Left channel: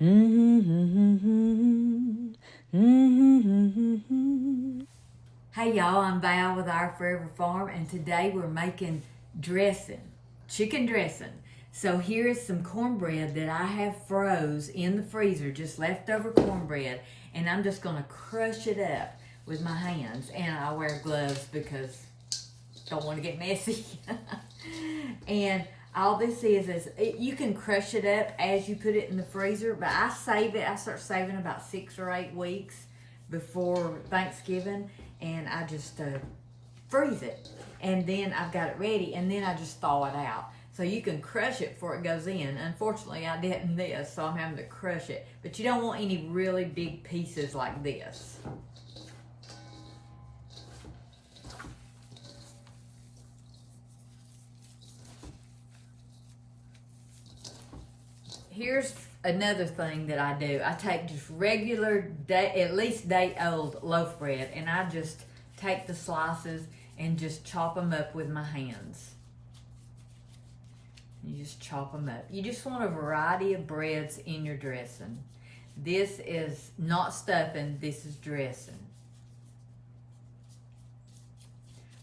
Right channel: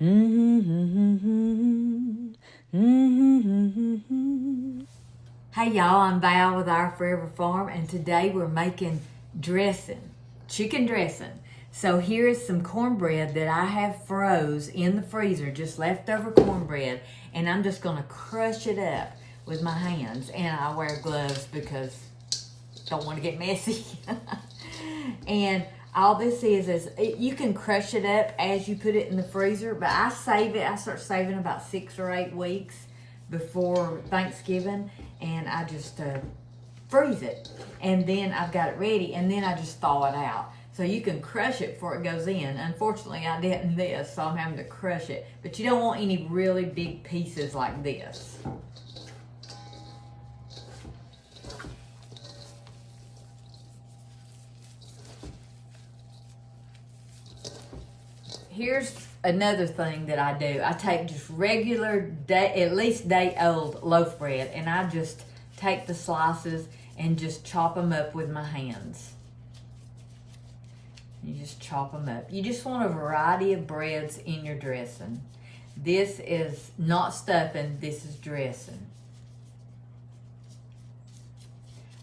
Hey y'all, I'm Val with Our Forever Farm, and today we're making dressing, chicken dressing. So here is some cornbread that I have froze in the freezer, just leftover cornbread, and I'm just gonna crush it up with my hands, and I wear gloves because I don't want to get messy. And all this is you can crush it up as you put it in the freezer, but I start saving about 6 or 8 weeks before Thanksgiving, and I just freeze it, and then I've got it ready, and then I just thaw it out. So you can crush it before it goes in. Unfortunately, I didn't this, so I'm having to crush it. But you don't want any really big pieces like this. Here's another thing that I do. I take just regular at least day-old loaf bread, and I just take the slices and just chop them up with my hands. You just chop them up. You just want a variety of breads in your dressing. This is not stuffing, this is dressing.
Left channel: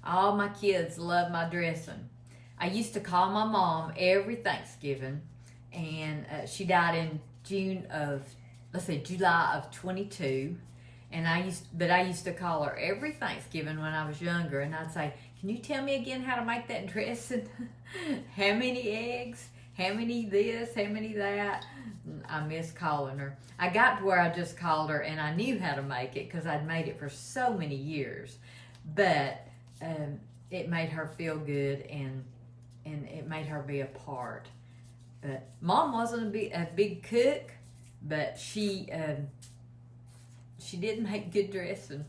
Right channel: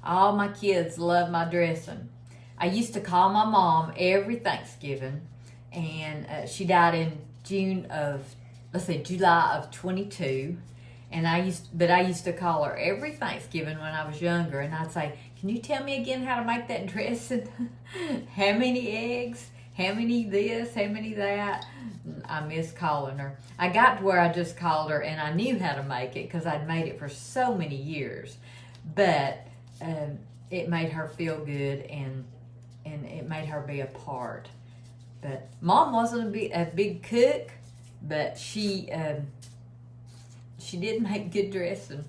All my kids love my dressing. I used to call my mom every Thanksgiving, and she died in July of 22. And I used to call her every Thanksgiving when I was younger, and I'd say, "Can you tell me again how to make that dressing? How many eggs? How many this? How many that?" I miss calling her. I got to where I just called her, and I knew how to make it because I'd made it for so many years. But it made her feel good, and it made her be a part. But Mom wasn't a big cook, but she did make good dressing.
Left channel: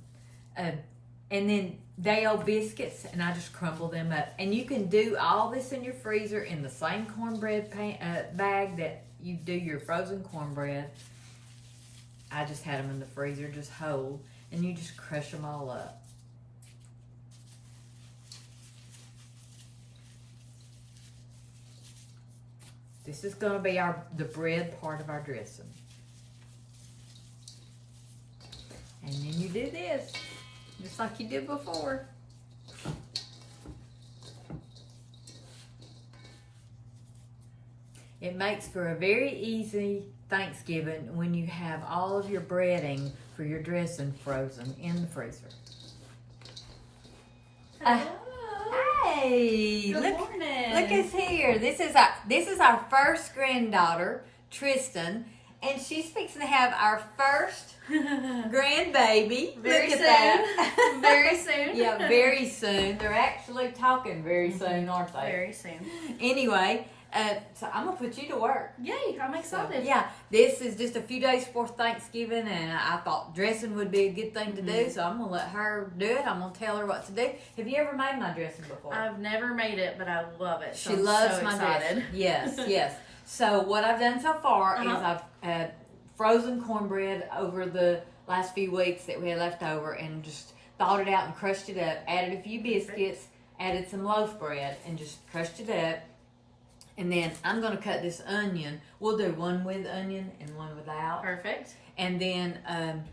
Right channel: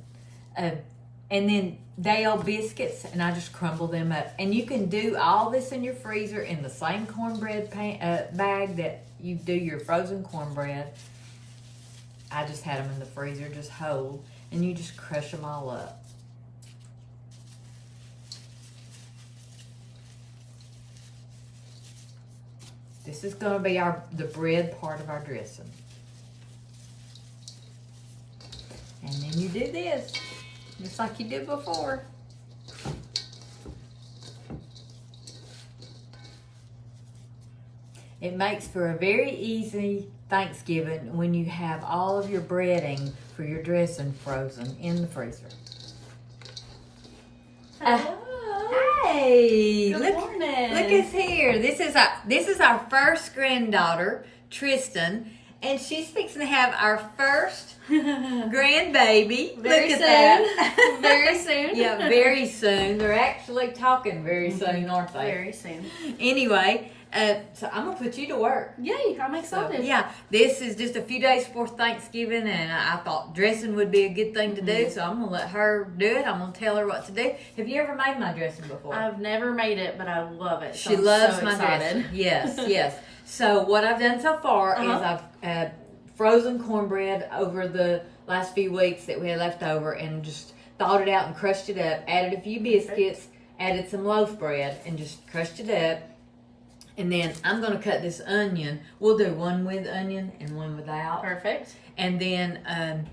And then day-old biscuits, and I just crumble them up. And you can do all this in your freezer in the same cornbread bag that you do your frozen cornbread. I just had them in the freezer just whole, and you just crush them all up. This is going to be the bread part of our dressing. And then you do this, just like you did before. It makes for a very easy Thanksgiving when you have all of your breading for your dressing frozen in the freezer. Hey, Good morning. Look who's here. This is our first granddaughter, Tristan, and she's fixing to have our first grandbaby. Very Look at soon. that. Very soon. Yeah, very soon. They're actually talking very soon, aren't they? Very soon. Anyway, so I'm gonna put you to work. Yay, I'm excited. So, yeah, this is just a few days before Thanksgiving, and I thought dressing would be a good thing to do, so I'm gonna let her do it. I'm gonna tell her what to do. Have you ever made my dressing before? I've never made it, but I love it. So She loves so my excited. dressing. Yes, yes. So what I've done so far is I've frozen cornbread over the last few weeks that we had left over, and just thawed it out and crushed it up, added a few biscuits, added some loaf bread, and just crushed it up. And then I'm going to cut this onion. We'll do one with onion and one without. Perfect. And then I'm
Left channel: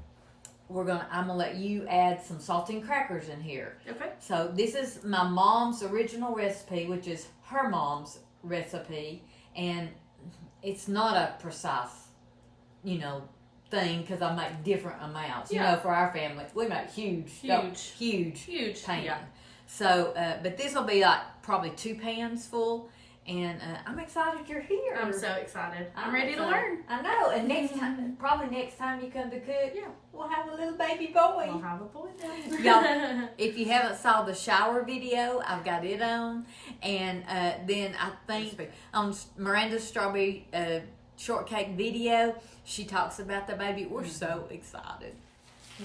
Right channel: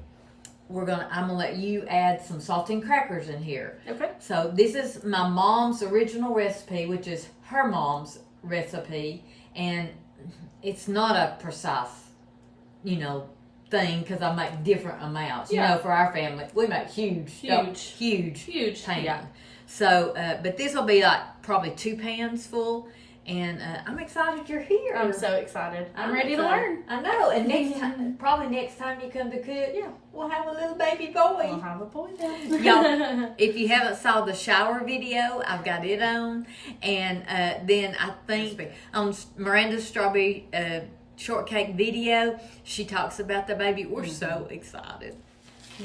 going to let you add some saltine crackers in here. Okay. So this is my mom's original recipe, which is her mom's recipe. And it's not a precise, thing, because I make different amounts. Yeah. For our family, we make huge pans. Yeah. So, but this will be like probably 2 pans full. And I'm excited you're here. I'm so excited. I'm ready to learn. I know. And next time you come to cook, we'll have a little baby boy. We'll have a boy then. Y'all, if you haven't saw the shower video, I've got it on. And then I think on Miranda's strawberry shortcake video, she talks about the baby. We're so excited.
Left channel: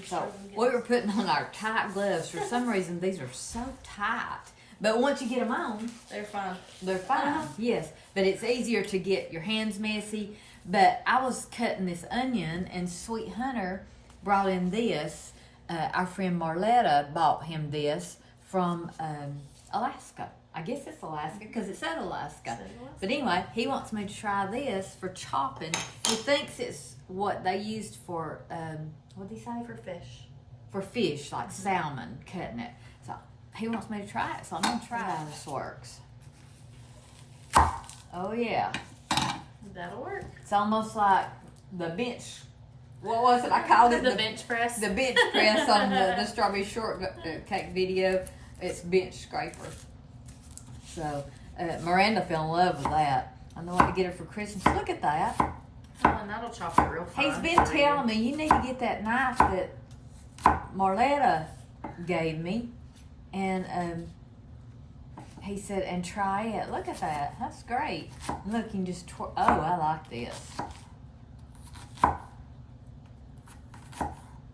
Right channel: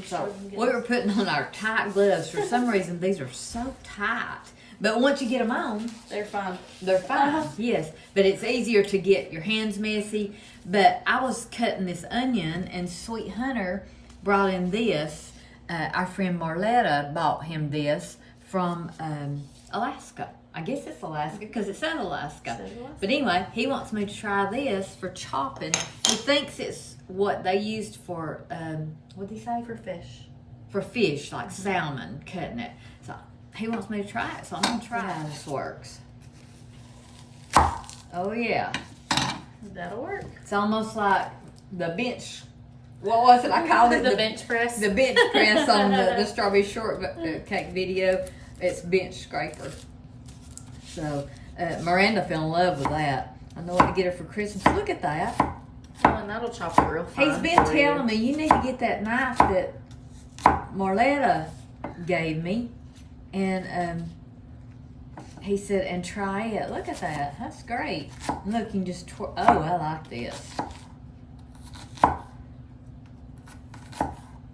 So we were putting on our tight gloves. For some reason, these are so tight. But once you get them on, They're fun. They're fine, yes. But it's easier to get your hands messy. But I was cutting this onion, and Sweet Hunter brought in this. Our friend Maranda bought him this from Alaska. I guess it's Alaska because it said Alaska. Said Alaska. But anyway, he wants me to try this for chopping. He thinks it's what they used for, what did he say? For fish. For fish, like salmon, cutting it. So he wants me to try it, so I'm going to try how this works. Oh, yeah. That'll work. It's almost like the bench. What was it? I called it the bench press. The bench press on the strawberry shortcake video. It's bench scraper. So Miranda fell in love with that. I know what to get her for Christmas. Look at that. Oh, and that'll chop it real fine. He's been telling me you need to get that knife that Marletta gave me, and he said, and try it. Look at that. That's great. And look, you can just oh, I like this.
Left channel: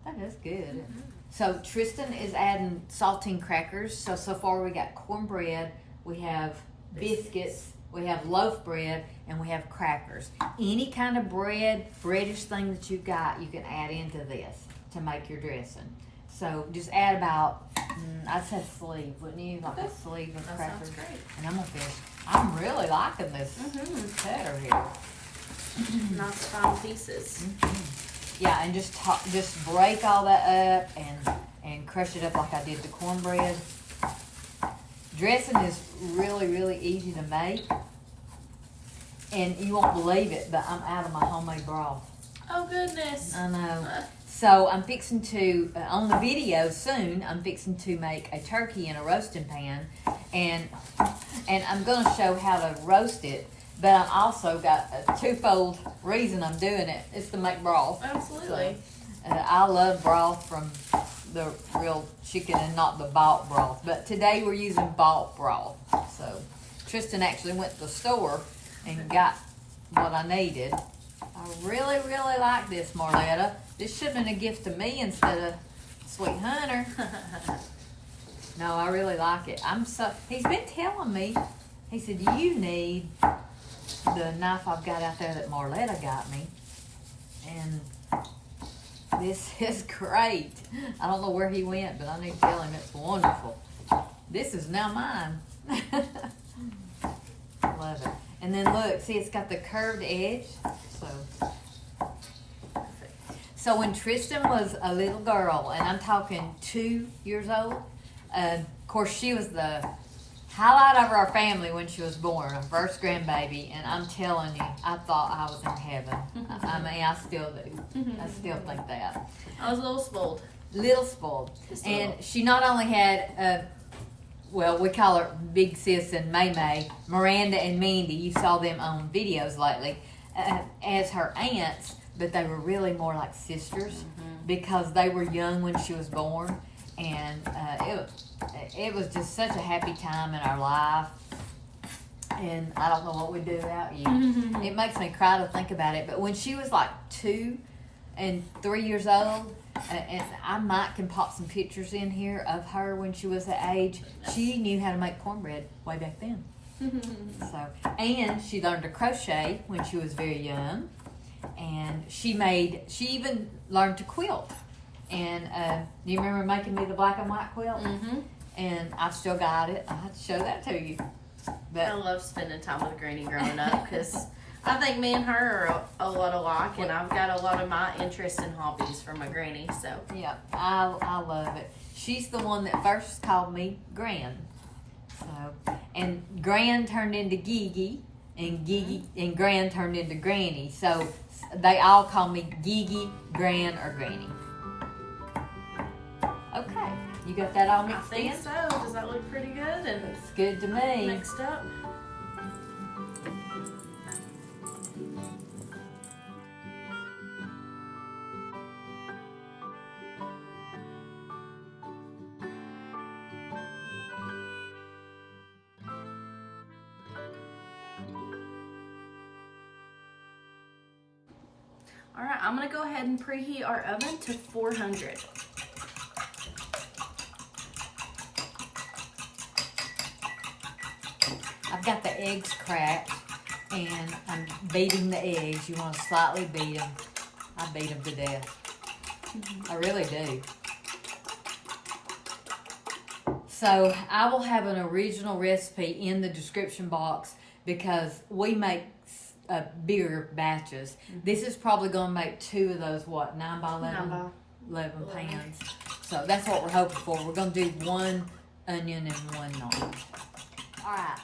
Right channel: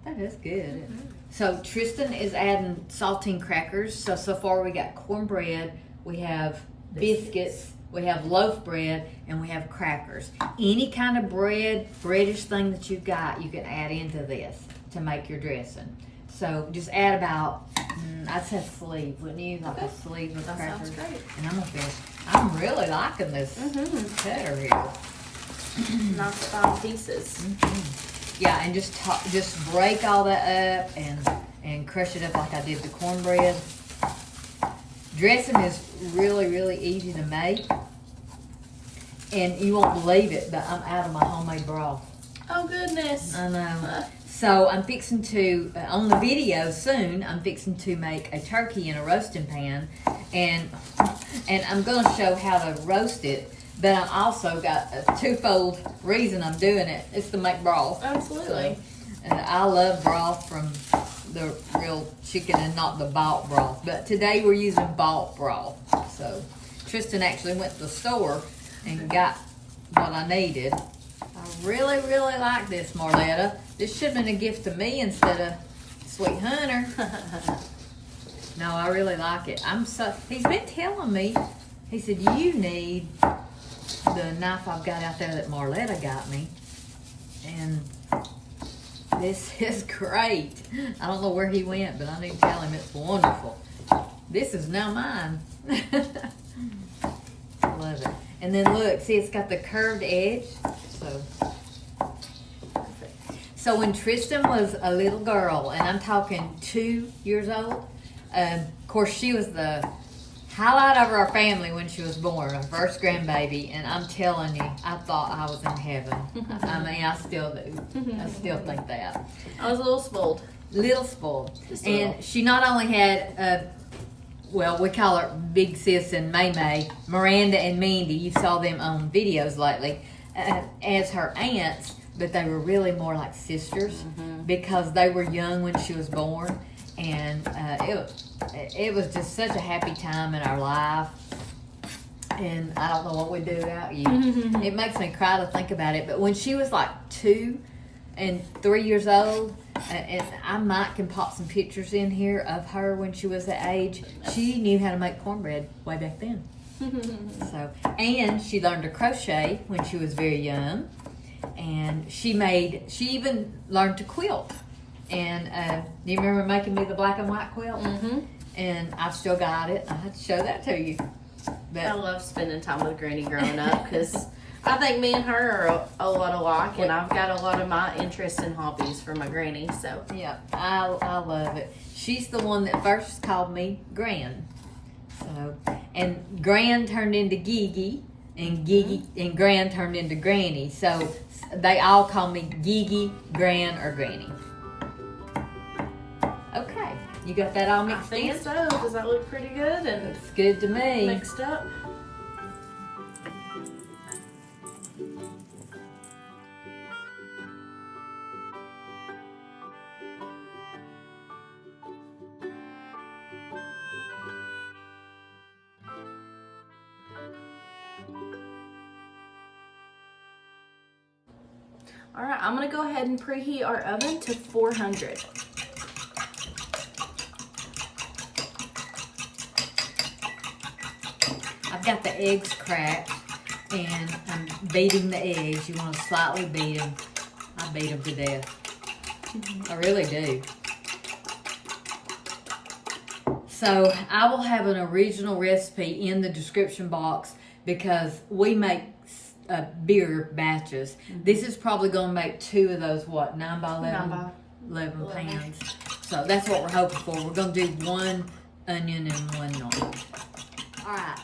That is good. So Tristan is adding saltine crackers. So far we got cornbread, we have biscuits, we have loaf bread, and we have crackers. Any kind of breadish thing that you've got, you can add into this to make your dressing. So just add about, I'd say a sleeve, wouldn't you? Like a sleeve of crackers. Sounds great. And I'm really liking this cheddar here. Nice fine pieces. Yeah, and just break all that up and crush it up like I did the cornbread. Dressing is really, really easy to make. And you won't believe it, but I'm out of my homemade broth. Oh, goodness. I know. So I'm fixing to, on the video soon, I'm fixing to make a turkey in a roasting pan. And I'm going to show how to roast it. But I've also got a twofold reason I'm doing it. It's to make broth. Absolutely. So, I love broth from the real chicken and not the bought broth. But today we're using bought broth. So Tristan actually went to the store and got what I needed. I really, really like this, Marletta. This should have been a gift to me instead of Sweet Hunter. No, I really like it. He's been telling me, he said, you need the knife I've got out there that Marletta got me. And this is great. I don't know where he went, but I need to tell him it's wonderful. This is now mine. Love it. And then look, see, it's got the curved edge. So when Tristan was a little girl, and I'm talking 2 years old, of course she was the highlight of our family when she was born, our first grandbaby, and I'm telling you, I thought I was in heaven. I mean, I still do. I still think that. I was a little spoiled. Little spoiled. Just a And little. she not only had, well, we call her Big Sis and May, Miranda and Mandy, you saw them on videos lately, as her aunts, but they were really more like sisters because they were young when she was born. And it was just such a happy time in our life. And I don't know what we'd do without you. It makes me cry to think about it. But when she was like 2 and 3 years old, and I might can pop some pictures in here of her when she was that age, she knew how to make cornbread way back then. So, and she learned to crochet when she was very young. And she even learned to quilt. And do you remember making me the black and white quilt? And I've still got it. I have to show that to you. But I love spending time with Granny growing up because I think me and her are a lot alike, and I've got a lot of my interests and hobbies from my granny. So yeah, I love it. She's the one that first called me Gran. So, and Gran turned into Gigi, and Gigi and Gran turned into Granny. So they all call me Gigi, Gran, or Granny. Okay, you got that all I mixed think in? so. Does that look pretty good? And It's good to me. mixed up. All right, I'm gonna go ahead and preheat our oven to 400. I've got the eggs cracked, and I'm beating the eggs. You want to slightly beat them. I beat them to death. I really do. So I will have an original recipe in the description box because we make bigger batches. This is probably going to make 2 of those, what, 9 by 11 pans. So that's what we're hoping for. We're going to do 1 onion and 1 non. All right,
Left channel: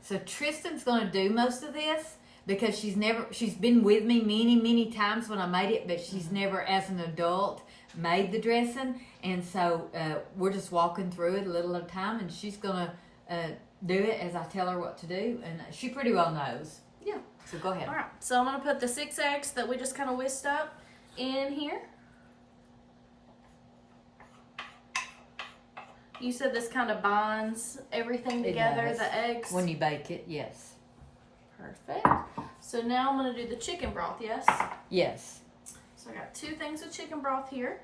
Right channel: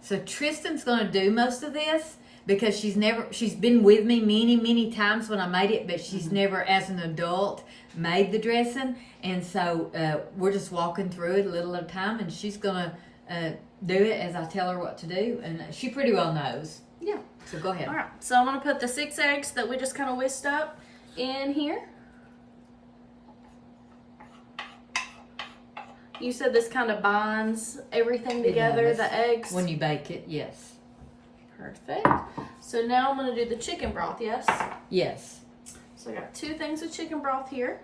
so Tristan's going to do most of this because she's been with me many times when I made it, but she's never, as an adult, made the dressing. And so we're just walking through it a little at a time, and she's going to do it as I tell her what to do, and she pretty well knows. Yeah. So go ahead. All right, so I'm going to put the 6 eggs that we just kind of whisked up in here. You said this kind of binds everything together, the eggs? When you bake it, yes. Perfect. So now I'm going to do the chicken broth, yes? Yes. So I got 2 things of chicken broth here.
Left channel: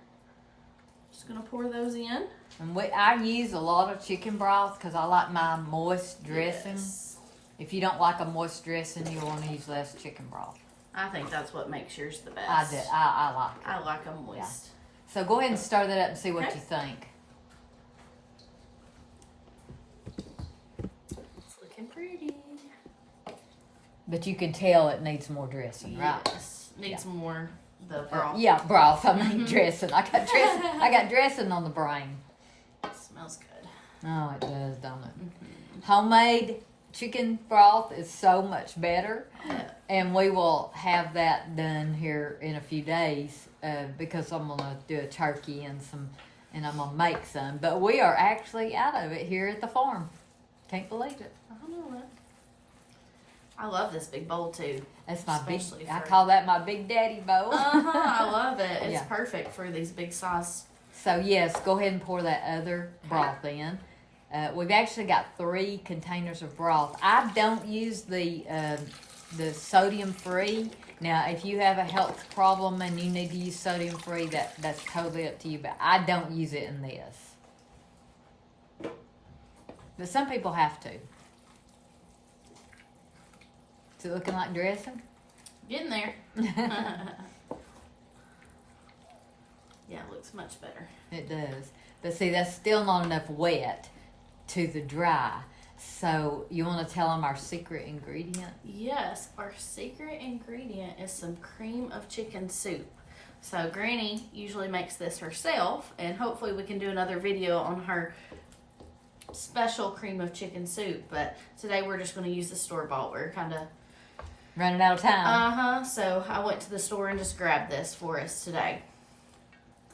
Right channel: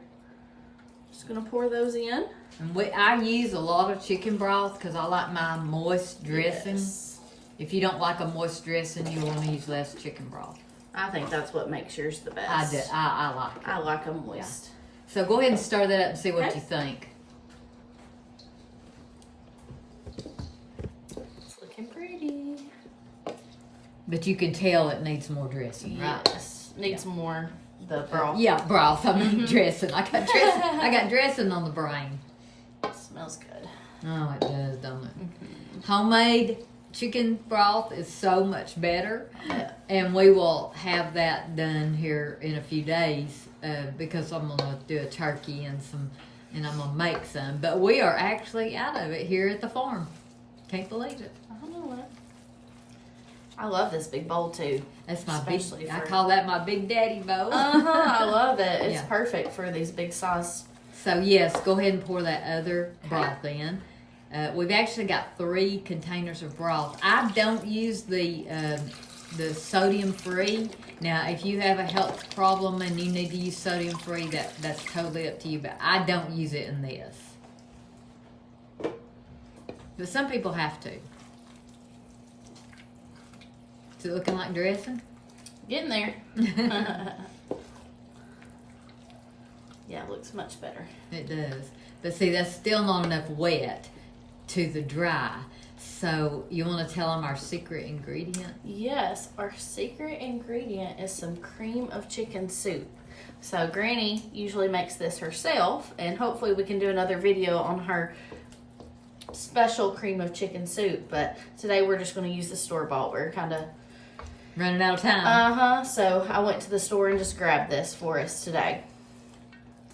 Just going to pour those in. And I use a lot of chicken broth because I like my moist dressing. Yes. If you don't like a moist dressing, you want to use less chicken broth. I think that's what makes yours the best. I do. I like it. I like them moist. Yeah. So go ahead and stir that up and see what you think. It's looking pretty. But you can tell it needs more dressing, right? Yes. Needs more the broth. Yeah, broth. I mean dressing. I got dressing on the brain. Smells good. Oh, it does, don't it? Homemade chicken broth is so much better. And we will have that done here in a few days because I'm going to do a turkey and I'm going to make some. But we are actually out of it here at the farm. Can't believe it. I know it. I love this big bowl too. That's my I call that my big daddy bowl. I love it. It's Yeah. perfect for these big size. So yes, go ahead and pour that other broth in. We've actually got 3 containers of broth. I don't use the sodium free. Now, if you have a health problem and you need to use sodium free, that's totally up to you. But I don't use it in this. But some people have to. Is it looking like dressing? Getting there. Yeah, it looks much better. It does. But see, that's still not enough wet to the dry. So you want to tell them our secret ingredient? Yes, our secret ingredient is some cream of chicken soup. So Granny usually makes this herself, and hopefully we can do another video on her special cream of chicken soup. But today we're just going to use the store-bought. We're kind of running out of time. So I went to the store and just grabbed this for us today.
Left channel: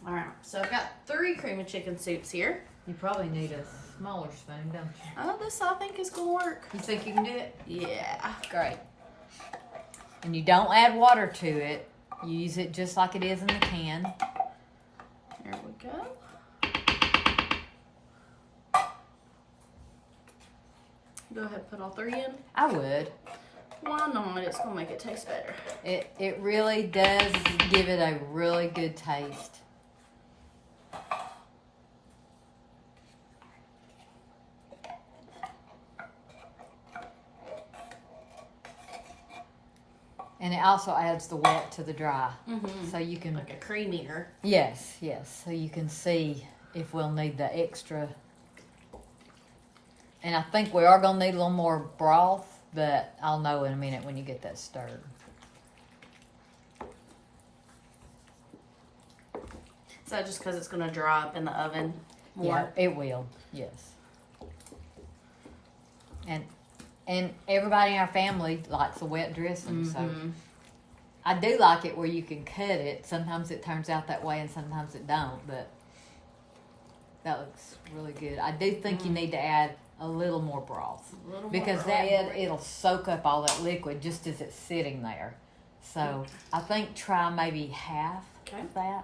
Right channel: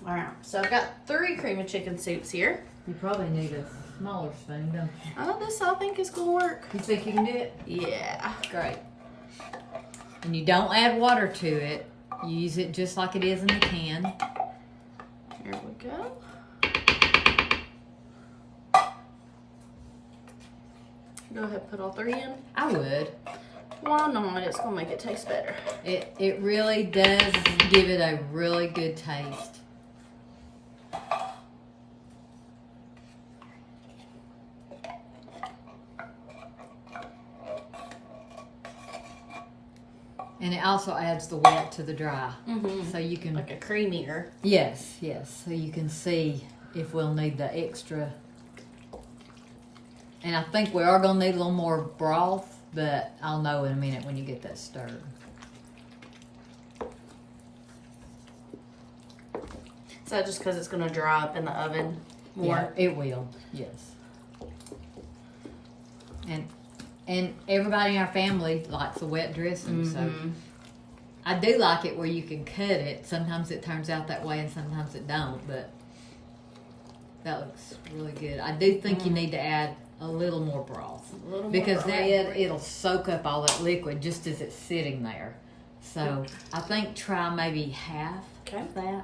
All right, so I've got 3 cream of chicken soups here. You probably need a smaller spoon, don't you? Oh, this I think is going to work. You think you can do it? Yeah. Great. And you don't add water to it. You use it just like it is in the can. Here we go. Go ahead and put all 3 in. I would. Why not? It's going to make it taste better. It really does give it a really good taste. And it also adds the wet to the dry. Mm-hmm. So you can... Like a creamier. Yes. So you can see if we'll need the extra. And I think we are going to need a little more broth, but I'll know in a minute when you get that stirred. So just because it's going to dry up in the oven more? Yeah, it will, yes. And everybody in our family likes a wet dressing, so I do like it where you can cut it. Sometimes it turns out that way and sometimes it don't, but that looks really good. I do think you need to add a little more broth because it'll soak up all that liquid just as it's sitting there. So I think try maybe half of that.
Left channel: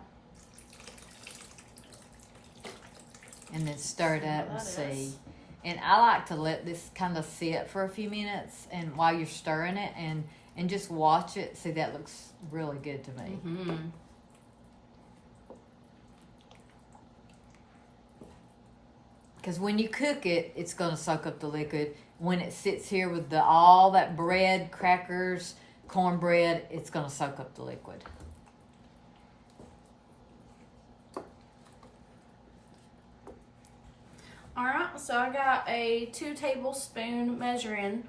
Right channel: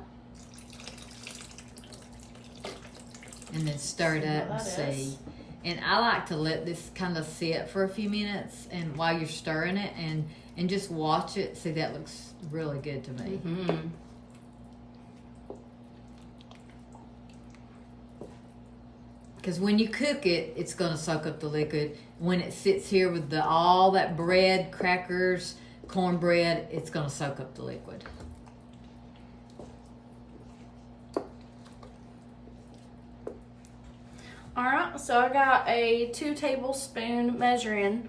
And then stir it up and see. And I like to let this kind of sit for a few minutes, and while you're stirring it, and just watch it. See, that looks really good to me. Because when you cook it, it's going to soak up the liquid. When it sits here with all that bread, crackers, cornbread, it's going to soak up the liquid. All right, so I got a 2 tablespoon measuring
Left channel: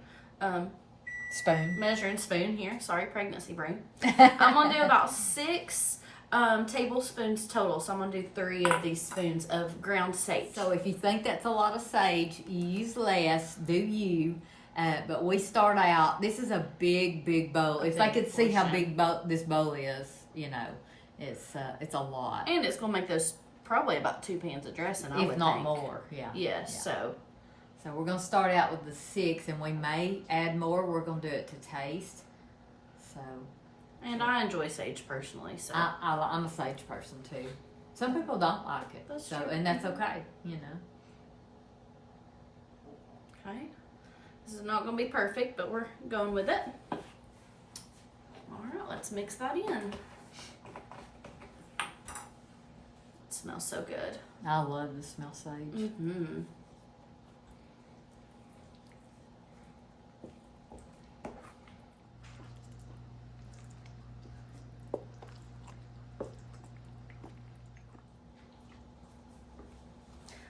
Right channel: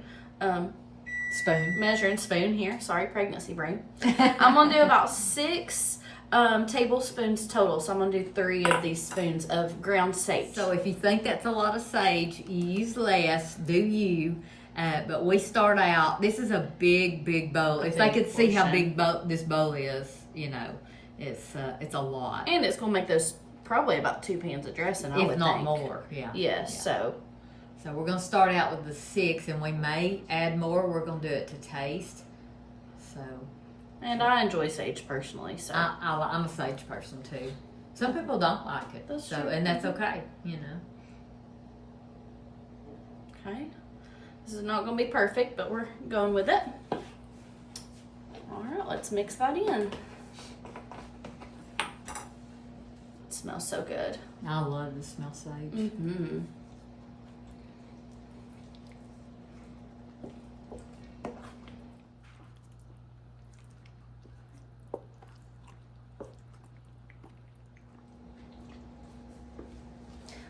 spoon here. Sorry, pregnancy brain. I'm gonna do about 6 tablespoons total. So I'm gonna do 3 of these spoons of ground sage. So if you think that's a lot of sage, use less. Do you? But we start out. This is a big bowl. If they could see how big this bowl is, you know, it's a lot. And it's gonna make those probably about 2 pans of dressing. I would if not think. more. Yeah. Yes. Yeah. So we're gonna start out with the 6, and we may add more. We're gonna do it to taste. So. And I enjoy sage personally, so I'm a sage person too. Some people don't like it, that's so true. and that's okay, you know. Okay, this is not going to be perfect, but we're going with it. All right, let's mix that in. It smells so good. I love the smell of sage. Mm-hmm.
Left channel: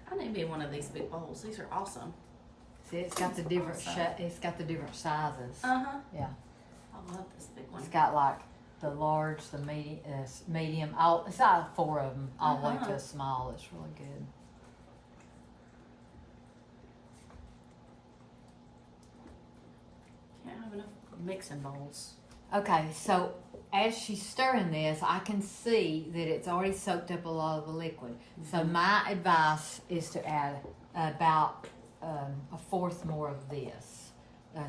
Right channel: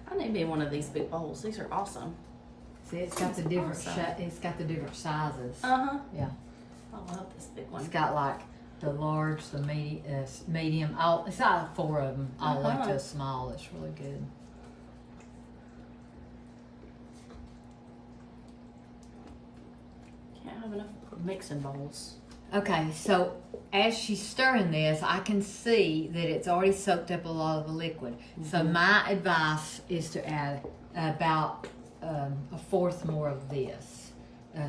I need to be in one of these big bowls. These are awesome. See, it's got the different awesome. it's got the different sizes. Uh-huh. Yeah. I love this big one. It's got like the large, the medium. It's got 4 of them. All like the small. It's really good. Can't have enough mixing bowls. Okay, so as she's stirring this, I can see that it's already soaked up a lot of the liquid. Mm-hmm. So my advice is to add about 1/4 more of this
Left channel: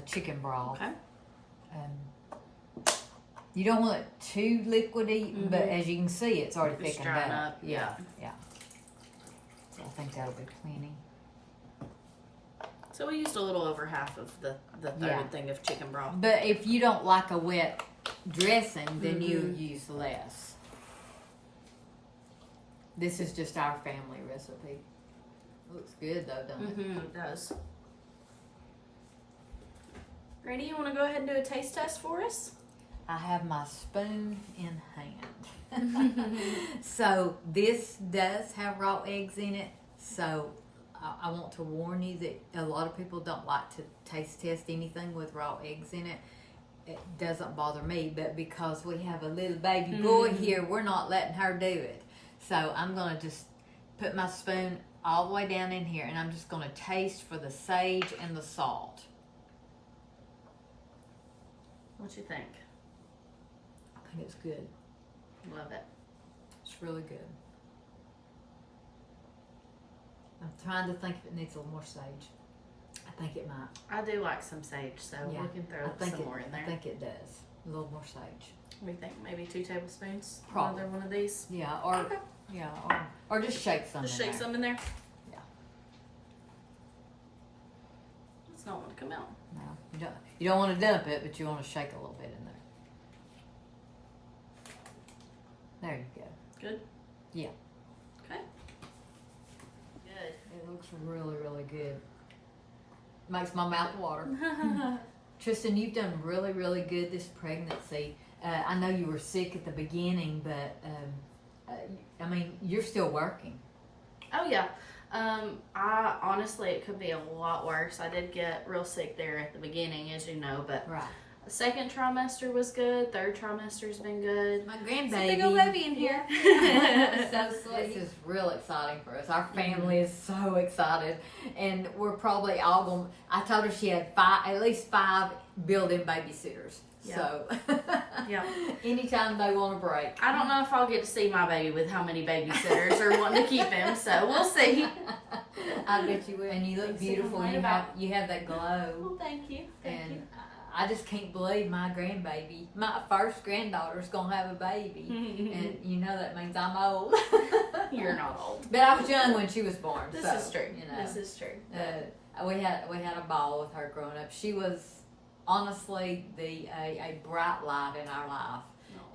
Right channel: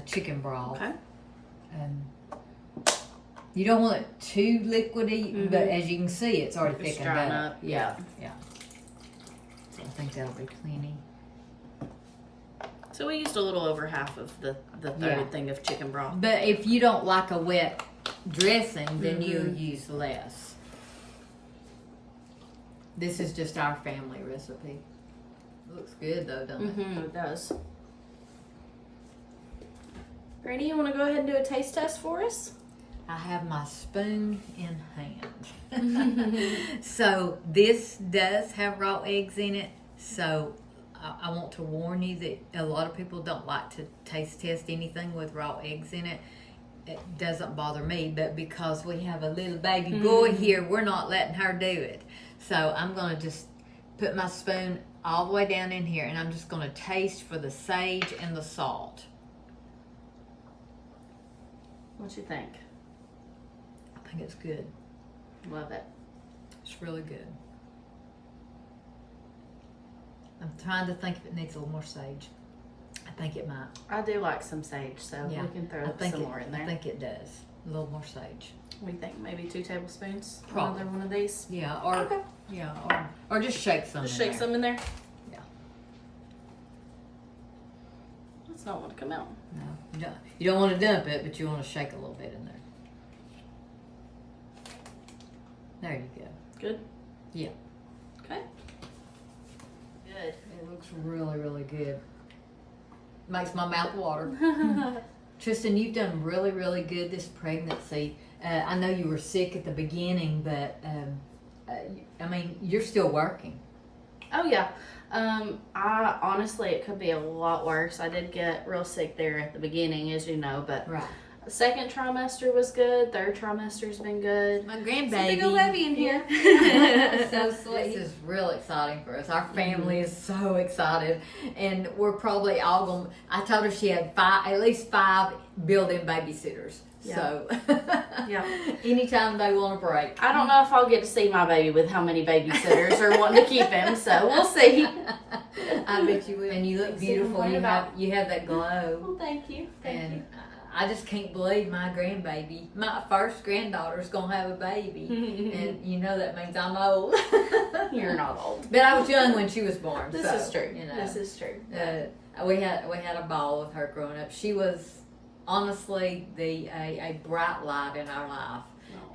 chicken broth. Okay. You don't want it too liquidy, but as you can see, it's already It's thickened drying up. up. Yeah. So I think that'll be plenty. So we used a little over half of the third thing of chicken broth. But if you don't like a wet dressing, then you use less. This is just our family recipe. It looks good though, doesn't it? It does. Granny, you want to go ahead and do a taste test for us? I have my spoon in hand. So this does have raw eggs in it. So I want to warn you that a lot of people don't like to taste test anything with raw eggs in it. It doesn't bother me, but because we have a little baby boy here, we're not letting her do it. So I'm going to just put my spoon all the way down in here, and I'm just going to taste for the sage and the salt. What you think? I think it's good. Love it. It's really good. I'm trying to think if it needs a little more sage. I think it might. I do like some sage, so we can throw some more in there. I think it does. A little more sage. We think maybe 2 tablespoons. Probably. Another one of these. Yeah, or or just shake some. Just in shake there. some in there. Yeah. It's not want to come out. No, you don't want to dump it, but you want to shake a little bit in there. There you go. Good. Yeah. Okay. Good. It looks really good. Makes my mouth water. Tristan, you've done really good this pregnancy. I know you were sick at the beginning, but I mean, you're still working. Oh yeah. I honestly, it could be a lot worse. I did get real sick there at the beginning, as you know, but right. Second trimester was good. Third trimester's been good. My grandbaby. Big old baby in here. So sweet. This is real exciting for us. Our family is so excited, and we're probably all going. I told her she had at least 5 built-in babysitters. Yeah. So, Yeah. anytime they want a break. I don't know if I'll get to see my baby with how many babysitters are wanting to keep him, so we'll see. I bet you will. And you look beautiful. You have that glow. Well, thank you. Thank you. I just can't believe my grandbaby, my first granddaughter's gonna have a baby, and you know that means I'm old. You're not old, but I was young when she was born. This is true. You know, this is true. We had a ball with her growing up. She was honestly a bright light in our life,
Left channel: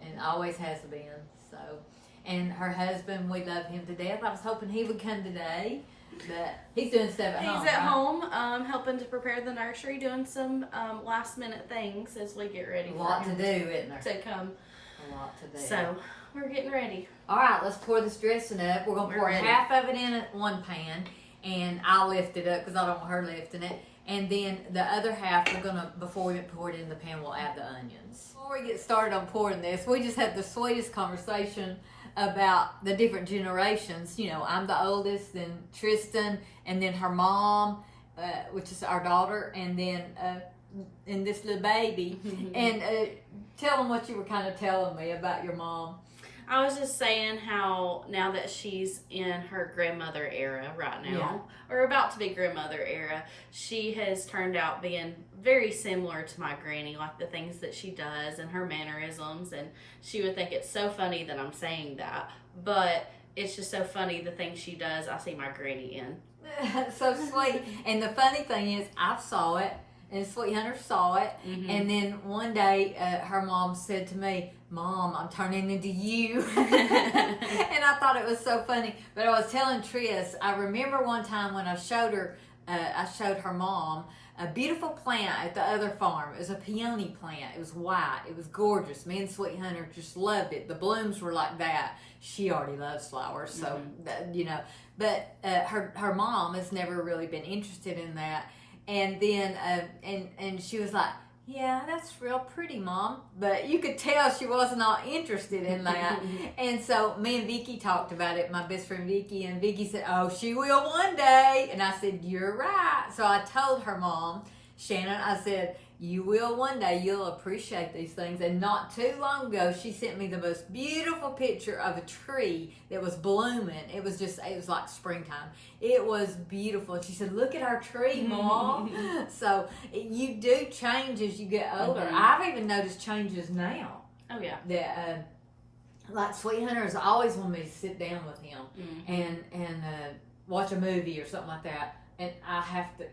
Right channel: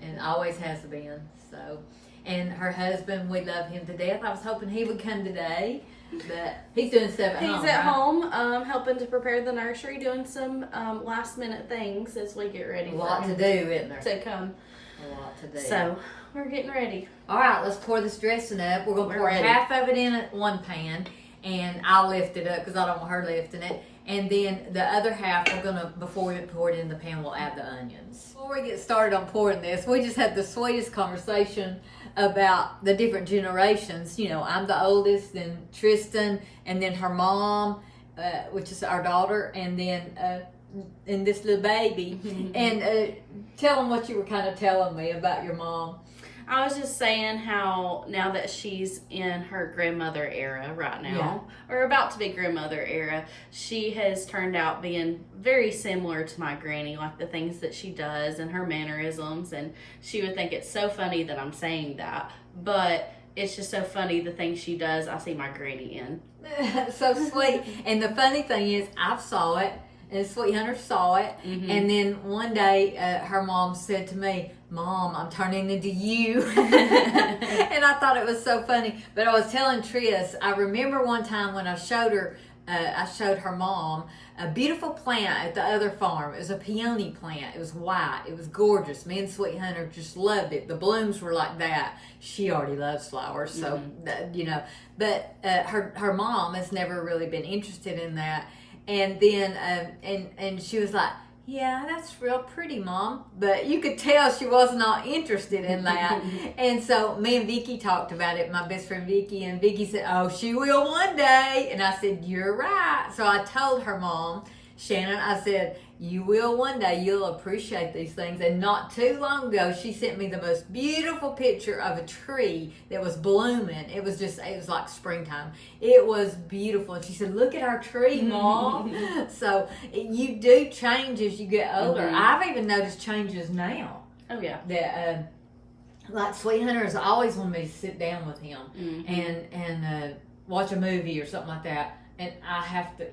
and always has been. So, and her husband, we love him to death. I was hoping he would come today. But he's doing stuff at home. He's at home, helping to prepare the nursery, doing some last minute things as we get ready. A lot to do, isn't there? To come. A lot to do. So we're getting ready. All right, let's pour this dressing up. We're gonna pour ready. half of it in at one pan, and I'll lift it up because I don't want her lifting it. And then the other half, we're gonna, before we pour it in the pan, we'll add the onions. Before we get started on pouring this, we just had the sweetest conversation about the different generations. You know, I'm the oldest, then Tristan, and then her mom, which is our daughter, and then and this little baby. And tell them what you were kind of telling me about your mom. I was just saying how now that she's in her grandmother era right now, or about to be grandmother era, she has turned out being very similar to my granny, like the things that she does and her mannerisms. And she would think it's so funny that I'm saying that, but it's just so funny the things she does. I see my granny in. So sweet. And the funny thing is, I saw it, and Sweet Hunter saw it, and then one day her mom said to me, "Mom, I'm turning into you." And I thought it was so funny. But I was telling Tris, I remember one time when I showed her mom a beautiful plant at the other farm. It was a peony plant. It was white. It was gorgeous. Me and Sweet Hunter just loved it. The blooms were like that. She already loves flowers, so you know. But her mom has never really been interested in that. And then and she was like, "Yeah, that's real pretty, Mom." But you could tell she was not interested in that. And so me and Vicky talked about it, my best friend Vicky, and Vicky said, "Oh, she will one day." And I said, "You're right." So I told her mom, Shannon, I said, "You will one day. You'll appreciate these things." And not too long ago, she sent me the most beautiful picture of a tree that was blooming. It was like springtime. It was beautiful. And she said, "Look at our tree, Mom." So you do change as you get older. I've even noticed changes now. Oh, yeah. That, like Sweet Hunter has always wanted me to sit down with him and watch a movie or something like that. And I have to,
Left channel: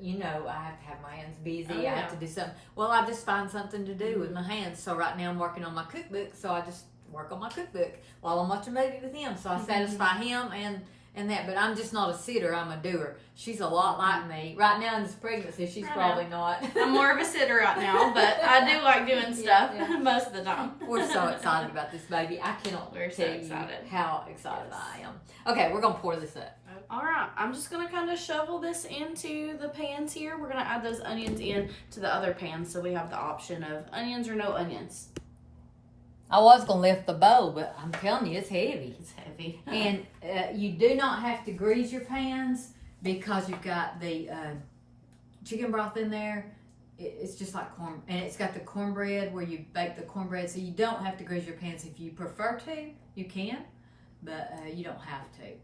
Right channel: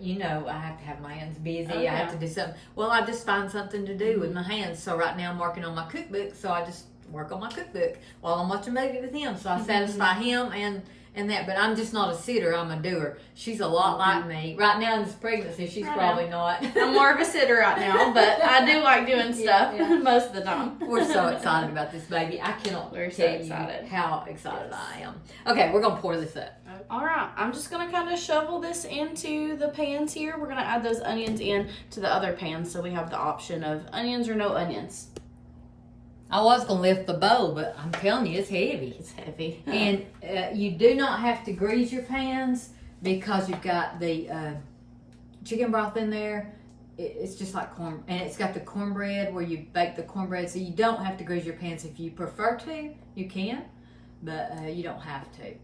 have my hands busy. Oh, yeah. I have to do something. Well, I just find something to do with my hands. So right now I'm working on my cookbook. So I just work on my cookbook while I'm watching a movie with him. So I satisfy him and that. But I'm just not a sitter. I'm a doer. She's a lot like me. Right now in this pregnancy, she's probably not. I'm more of a sitter right now, but I do like doing stuff most of the time. We're so excited about this baby. I cannot tell you how excited I am. Okay, we're going to pour this up. All right, I'm just going to kind of shovel this into the pans here. We're going to add those onions in to the other pans, so we have the option of onions or no onions. I was going to lift the bowl, but I'm telling you, it's heavy. It's heavy. And you do not have to grease your pans because you've got the chicken broth in there. It's just like corn, and it's got the cornbread where you bake the cornbread, so you don't have to grease your pans. If you prefer to, you can, but you don't have to.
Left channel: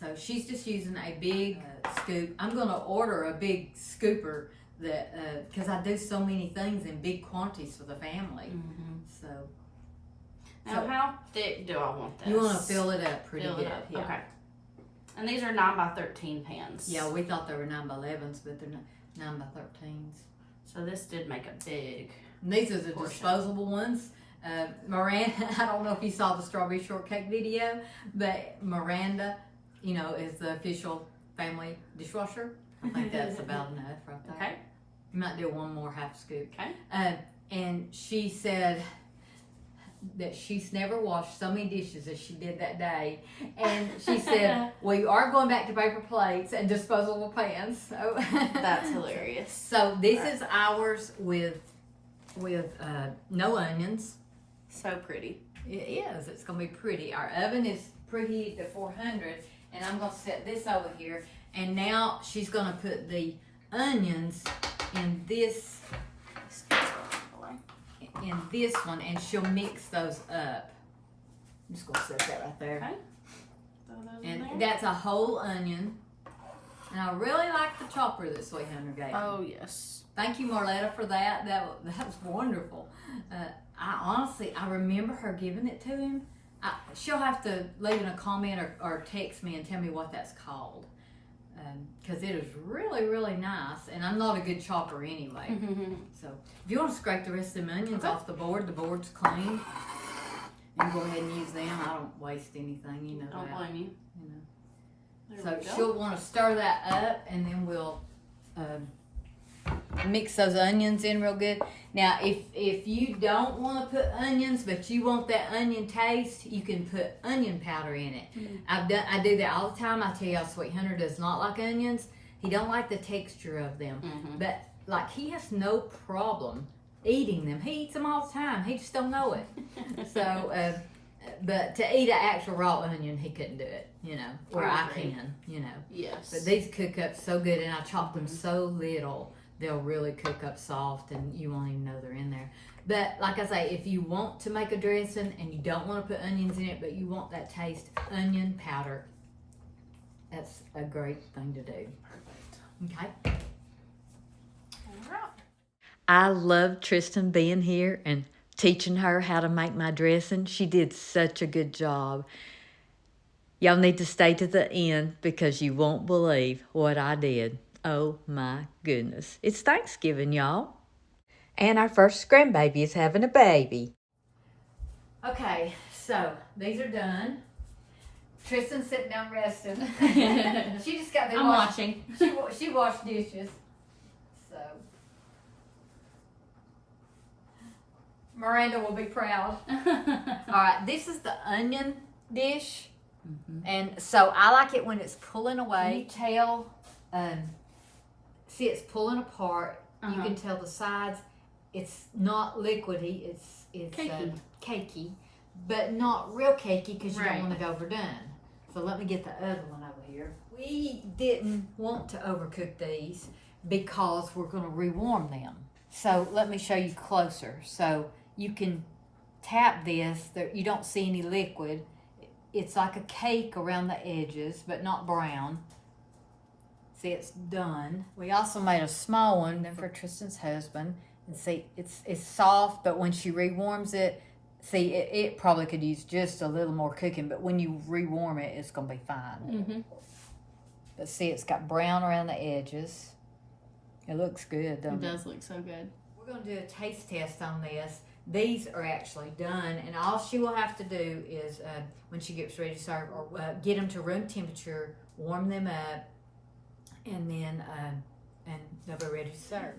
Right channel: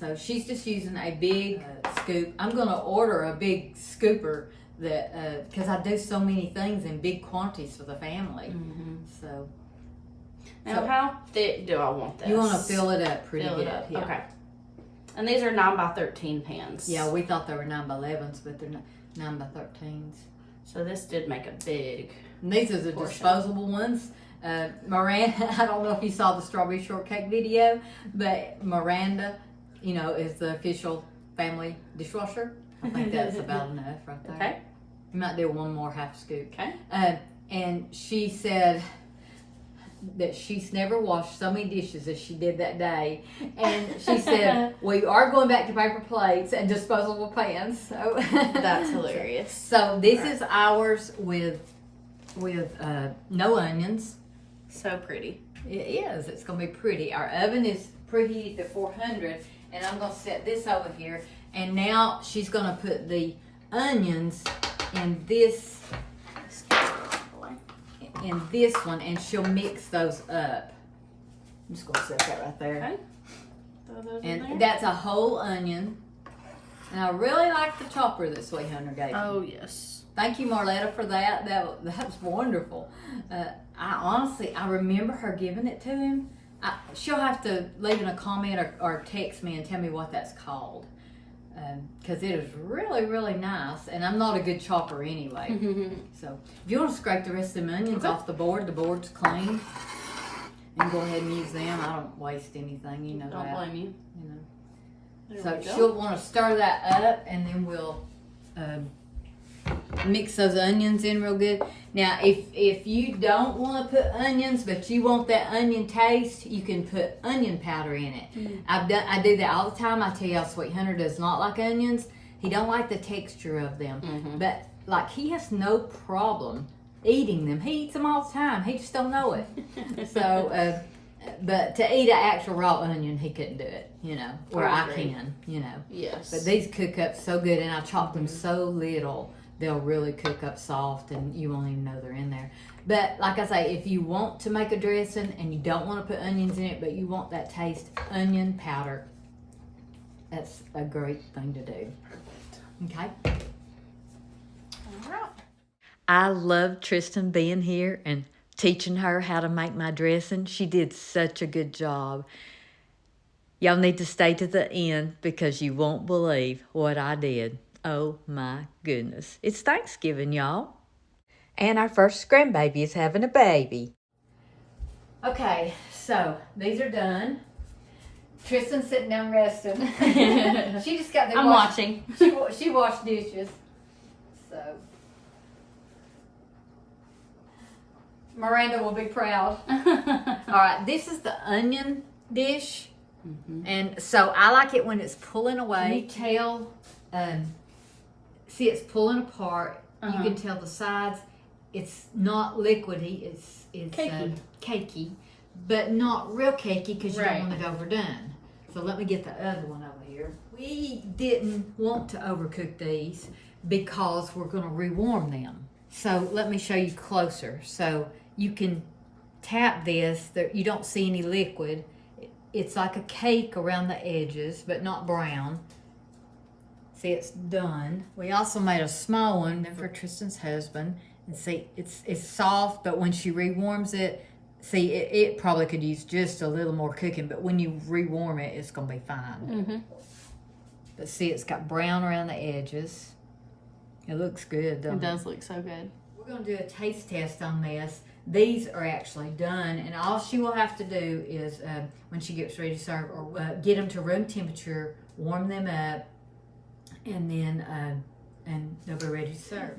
So she's just using a big scoop. I'm going to order a big scooper that because I do so many things in big quantities for the family. So now, how thick do I want this? You want to fill it up pretty good. Yeah. Okay. And these are 9 by 13 pans. Yeah, we thought they were 9 by 11s, but they're 9 by 13s. So this did make a big. And these are the portion. disposable ones. Miranda, I don't know if you saw the strawberry shortcake video, but Miranda, is the official family dishwasher. I think that's about enough right there. Okay. You might do one more half scoop. Okay. And she said that she's never washed so many dishes as she did that day. And she said, "We are going back to paper plates and disposable pans." So that's hilarious. So this is ours with no onions. So pretty. It is. It's going to be pretty. Our oven is preheated to 400. And I'm going to set this over here. And now she's going to put the onions in this one, and she'll mix those up. I'm just going to set that right there. Okay. Throw those in there. That's a whole onion. And I really like the chopper that Sweet Hunter gave me. Oh, yes. Thank you, Marletta, for that. That was wonderful. I remember her giving it to him. She'll have to leave in a comment or text me and tell me what that's called, because it is really, really nice, and I'm not a good chopper anyway. So if you want to scrape the rest of the onions off the board's clean, and go ahead and use them. I don't waste anything, Don't blame you. So she'll want to stir that up, and then we'll mix those onions in real good. Now, if you don't want to put onions, but you want that onion taste, you can put onion powder in it. I do that all the time. I tell y'all, Sweet Hunter does not like onions. He don't like the texture of them. But like, he has no problem eating them. He eats them all the time. He just don't know it. So, but to eat an actual raw onion, he couldn't do it. You know, or I can. You know. Yes. But these cook up so good, and I chop them so little. They'll really cook up soft and you won't even know they're in there. But like I say, if you want to make a dressing and you don't want to put onions in it, but you want that taste, onion powder, that's a great thing to do. Okay? All right. I love Tristan being here and teaching her how to make my dressing. She did such a good job. Y'all need to stay to the end because you won't believe what I did. Oh my goodness. It's Thanksgiving, y'all. And our first grandbaby is having a baby. Okay, so these are done. Tristan's sitting down resting. She just got there. I'm watching. She washed dishes. So Miranda will be proud. All right, this is the onion dish. And so I like it when it's pulling away. You tell, see, it's pulling apart. You can tell the sides. It's not liquidy. It's cakey. Cakey, but not real cakey because you don't want it overdone. So let me get the other one over here. We didn't want to overcook these because we're going to rewarm them. So let me show you closer. So you can tap this. You don't see any liquid. It's like a cake around the edges, but not brown. See, it's done. We also made a small one for Tristan's husband. And see, it's soft, but when she rewarms it, see, it probably could use just a little more cooking, but when you rewarm it, it's going to be fine. But see, it's got brown around the edges. It looks good, doesn't it? It does look so good. We're going to do a taste test on this. These are actually done, and all she will have to do is, when she gets ready to serve, or get them to room temperature, warm them up, and then and they'll be ready to serve.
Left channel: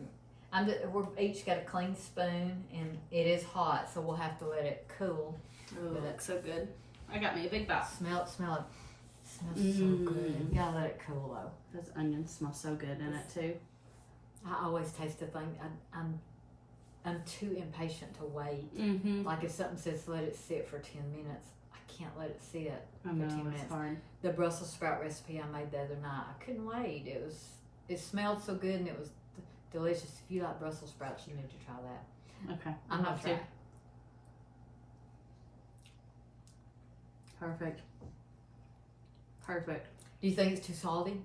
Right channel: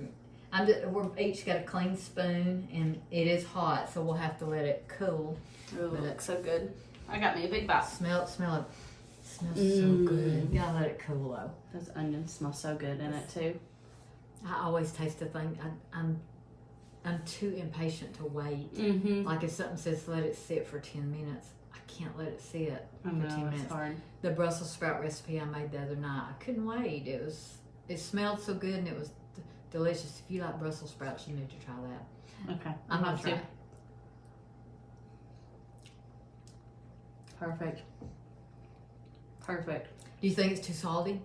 We're each got a clean spoon, and it is hot, so we'll have to let it cool. Oh, it looks so good. I got me a big bite. Smell it. Smells so good. You gotta let it cool though. Those onions smell so good in it too. I always taste a thing. I'm too impatient to wait. Like if something says let it sit for 10 minutes, I can't let it sit I for know, 10 minutes. it's hard. The Brussels sprout recipe I made the other night, I couldn't wait. It smelled so good and it was delicious. If you like Brussels sprouts, you need to try that. Okay, I'm gonna try. Perfect. Perfect. Do you think it's too salty?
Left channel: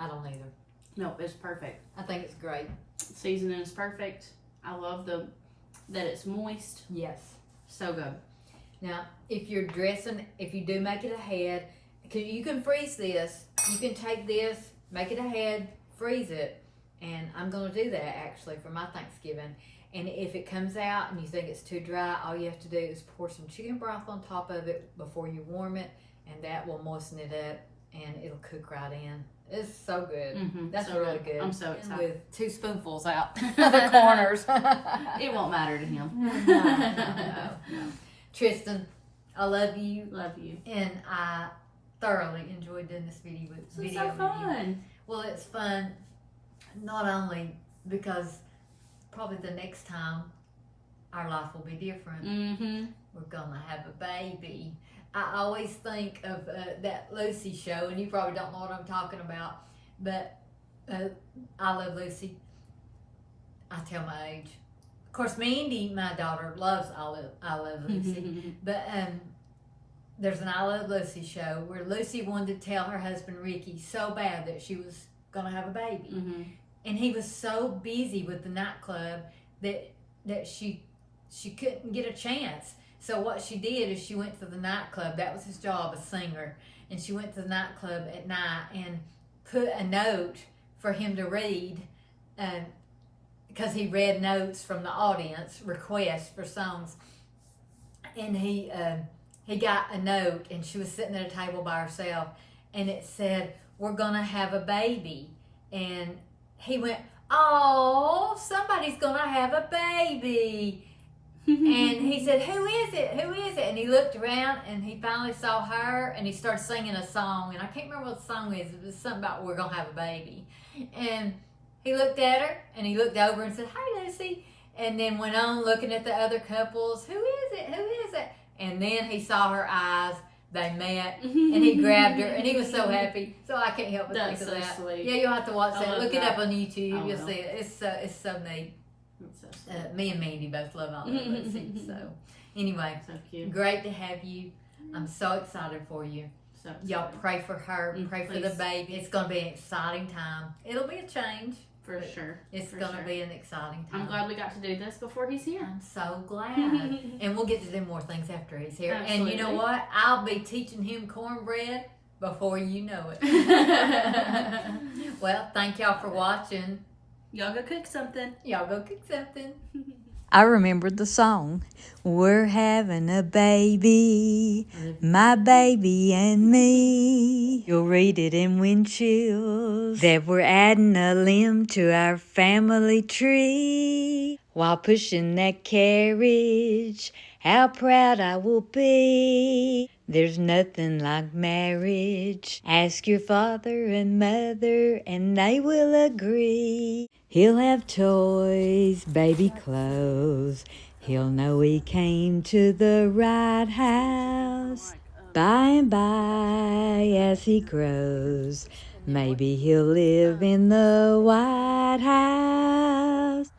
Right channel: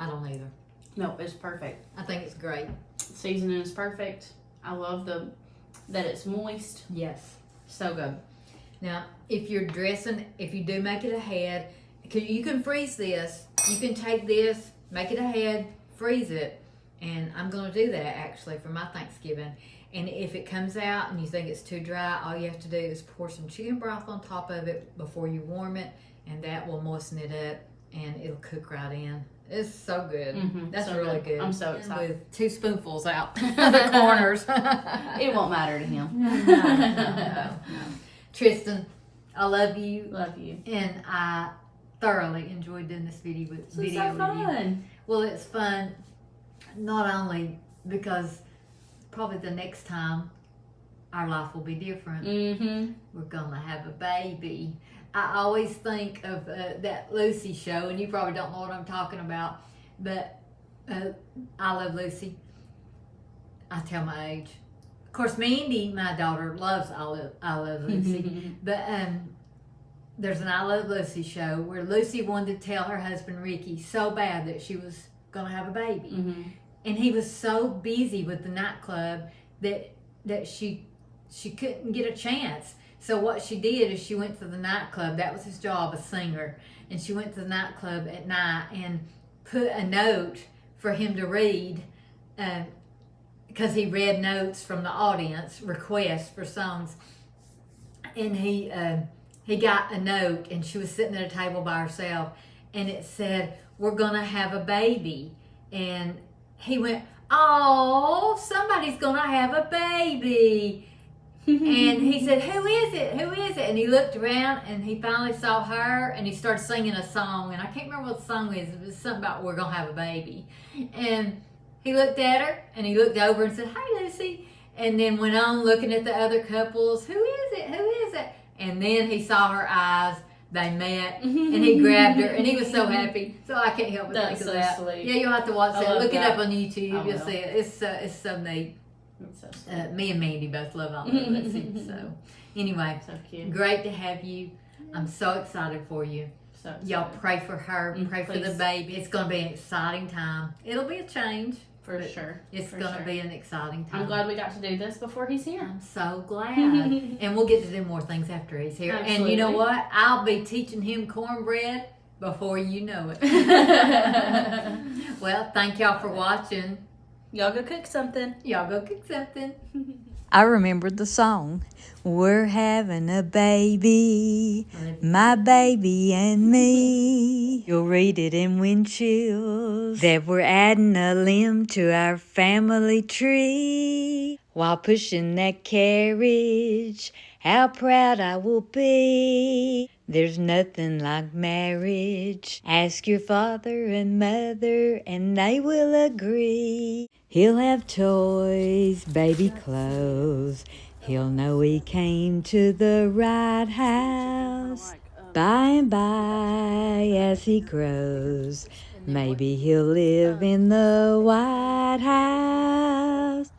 I don't either. No, it's perfect. I think it's great. Seasoning is perfect. I love that it's moist. Yes. So good. Now, if you're dressing, if you do make it ahead, you can freeze this. You can take this, make it ahead, freeze it, and I'm going to do that actually for my Thanksgiving. And if it comes out and you think it's too dry, all you have to do is pour some chicken broth on top of it before you warm it, and that will moisten it up and it'll cook right in. It's so good. That's so really good. I'm so excited. With 2 spoonfuls out the corners. It won't matter to him. No. Tristan, I love you. Love you. And I thoroughly enjoyed doing this video with So you. fun. Well, it's fun not only because probably the next time our life will be different. We're gonna have a baby. I always think of that Lucy show, and you probably don't know what I'm talking about, but I Love Lucy. I tell my age. Of course, Mandy, my daughter, loves I Love Lucy, but there's an I Love Lucy show where Lucy wanted to tell her husband Ricky so bad that she was gonna have a baby, and he was so busy with the nightclub that she couldn't get a chance. So what she did is she went to the nightclub. That was his job, a singer. And she went to the nightclub at night and put a note for him to read, because he read notes from the audience, requests for songs. And he got a note, and she was sitting at a table by herself, and it said, "We're gonna have a baby." And he went, oh, somebody's gonna have a baby. And he said, who is it? Who is it? And he looked around and he finally saw her and he started singing a song. And I can't remember what the song is. It was something about we're going to have a baby. And he looked at her and he looked over and said, hey, Lucy. And then went on looking at the other couples. Who is it? Who is it? And then he saw her eyes. They met and he grabbed her and he was so happy. So I can't help but think of that. Sweet. Yeah, you'll have to watch that. Look it up on YouTube. I You'll will. see it. It's so neat. So sweet. Me and Mandy both love all of Lucy. So anyway, So cute. great to have you. I'm so excited for you. So Y'all excited. pray for her, pray for the Please. baby. It's going to be an exciting time. It'll be a change. For but sure. It's For going to sure. be an exciting time. I'm glad we got to do this before he's here. I'm so glad. And we'll get to do more things after he's here. Absolutely. And you know what? I'll be teaching him cornbread before you know it. Well, thank y'all for watching. Y'all go cook something. Y'all go cook something. I remembered the song. We're having a baby, my baby and me. You'll read it in wind chills that we're adding a limb to our family tree. While pushing that carriage, how proud I will be. There's nothing like marriage. Ask your father and mother and they will agree. He'll have toys, baby clothes. He'll know he came to the right house. By and by, as he grows, maybe he'll live in the White House.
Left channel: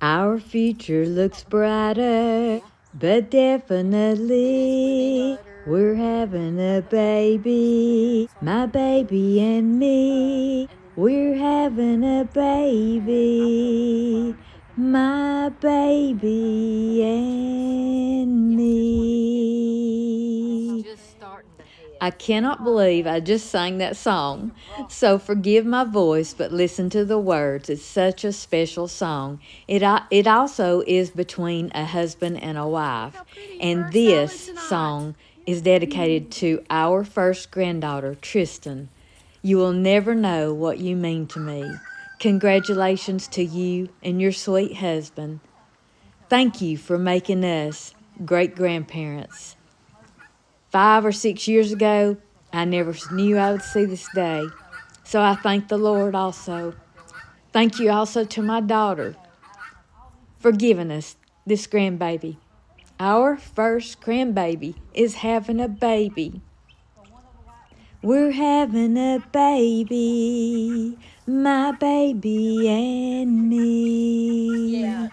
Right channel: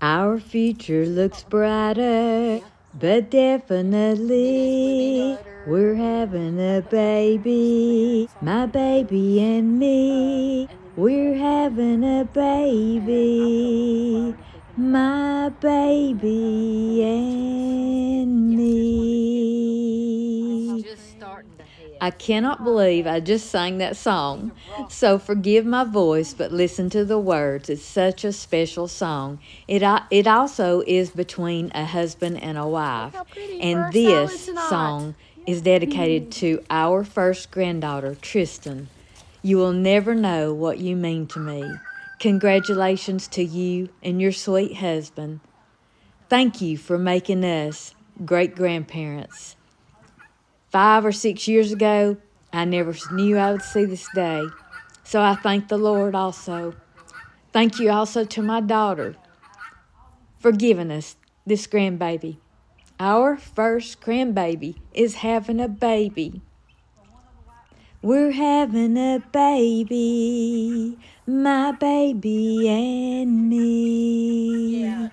Our future looks brighter, but definitely we're having a baby, my baby and me. We're having a baby, my baby and me. I cannot believe I just sang that song. So forgive my voice, but listen to the words. It's such a special song. It also is between a husband and a wife. And this song is dedicated to our first granddaughter, Tristan. You will never know what you mean to me. Congratulations to you and your sweet husband. Thank you for making us great-grandparents. 5 or 6 years ago, I never knew I would see this day. So I thank the Lord also. Thank you also to my daughter for giving us this grandbaby. Our first grandbaby is having a baby. We're having a baby, my baby and me.